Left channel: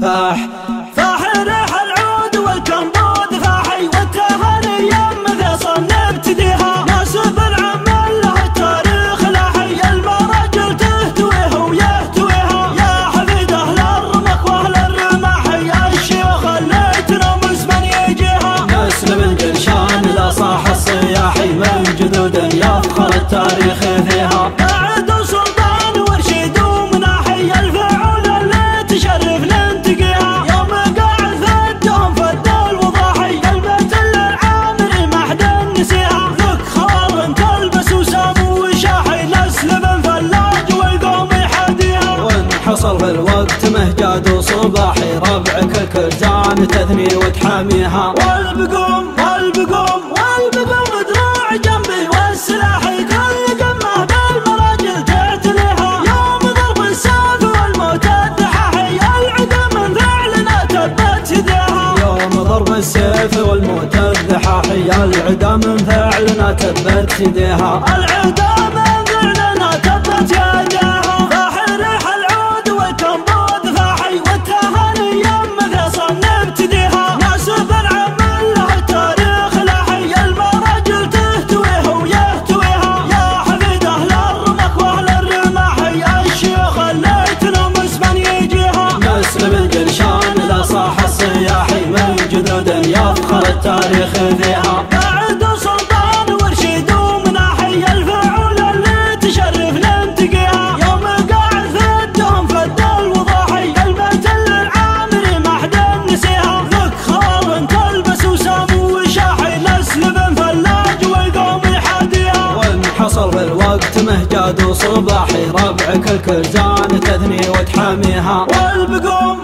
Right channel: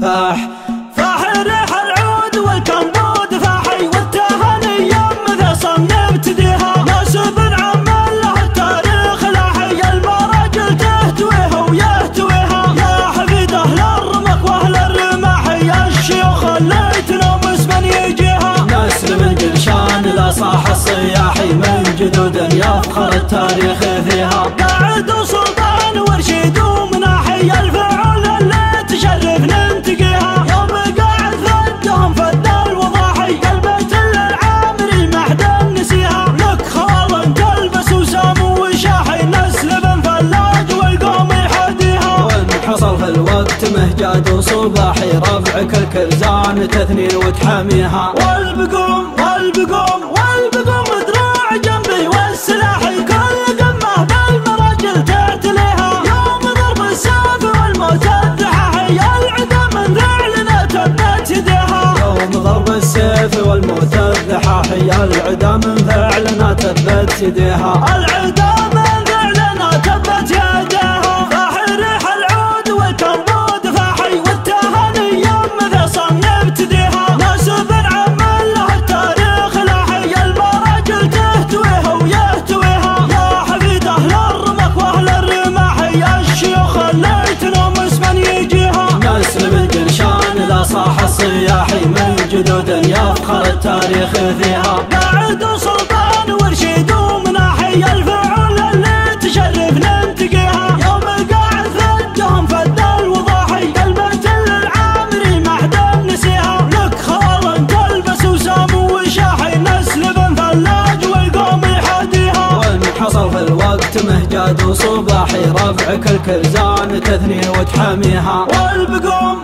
فاح ريح العود والكمبود فاحي والتهاني مثل صن ابتديها ناسب العمل له التاريخ لاحي المراجل تهتويه ويهتويها يا حفيد اهل الرمك واهل الرماحي الشيوخ اللي تنومس من يجيها نسل من جلشان لا صاح الصياحي من جدود يفخر التاريخ فيها قاعد وسلطان ورشيد ومناحي الفعول اللي تشرف ننتقيها يوم قاعد فدهم فد الوضاحي قلبت للعامري ما حد نسيها لك خال تلبس وسام وشاحي نسل بن فلاج والقوم يحديها وان حصل في الوقت مهجاد وصباحي ربعك الكلزان تثني وتحاميها والبقوم دراع جنبي والسلاحي كل قمه بالمراجل تعتليها يوم ضرب السيف والموت الدحاحي العدا من فعلنا تبت يديها يوم ضرب السيف والموت الدحاحي العدا من فعلنا تبت يديها العدا من فعلنا تبت يديها فاح ريح العود والكمبود فاحي والتهاني مثل صن ابتديها ناسب العمل له التاريخ لاحي المراجل تهتويه ويهتويها يا حفيد اهل الرمك واهل الرماحي الشيوخ اللي تنومس من يجيها نسل من جلشان لا صاح الصياحي من جدود يفخر التاريخ فيها قاعد وسلطان ورشيد ومناحي الفعول اللي تشرف ننتقيها يوم قاعد فدهم فد الوضاحي قلبت للعامري ما حد نسيها لك خال تلبس وسام وشاحي نسل بن فلاج والقوم يحاديها وان حصل في الوقت مهجاد وصباحي ربعك الكلزان تثني وتحاميها والبقوم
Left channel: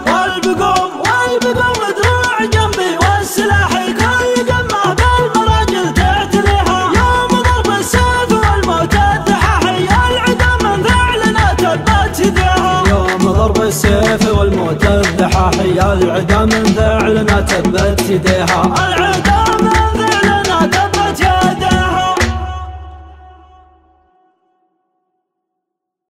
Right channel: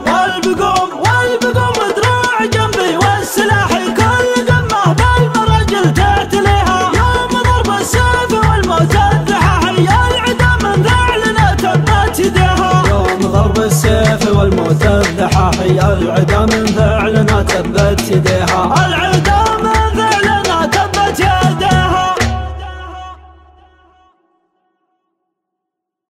دراع جنبي والسلاحي كل قمه بالمراجل تعتليها يوم ضرب السيف والموت الدحاحي العدا من فعلنا تبت يديها يوم ضرب السيف والموت الدحاحي العدا من فعلنا تبت يديها العدا